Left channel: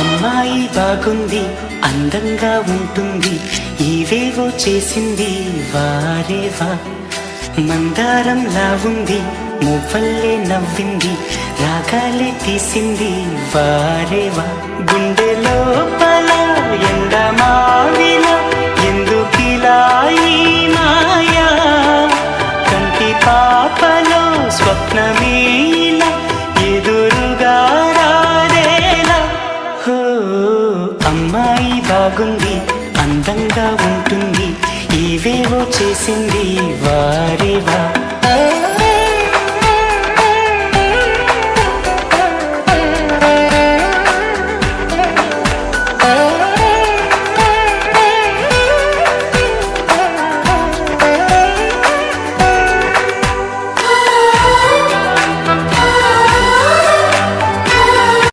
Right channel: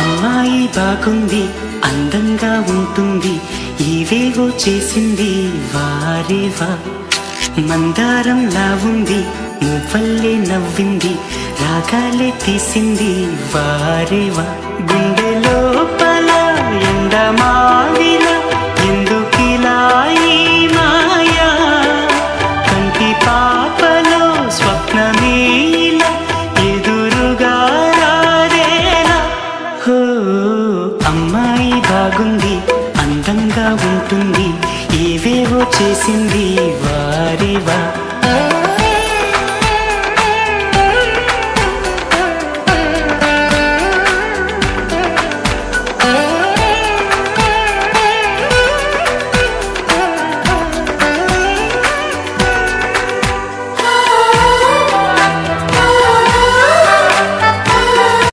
అమ్మాయి బాగుంది, అందంగా ఉంటుంది, ఏవేవో చేసింది వారేవా. మందారంలా ఉంది, మువ్వల్లే నవ్వింది, రాగాలే తీసింది వారేవా. గుండె లోపల ఎండమావిలా ఎందుకిలా ఈ మాయా, కంటి పాపలో స్వప్నమేలా ఎదురుగా రాదేలా. హో అమ్మాయి బాగుంది, అందంగా ఉంటుంది, ఏవేవో చేసింది వారేవా.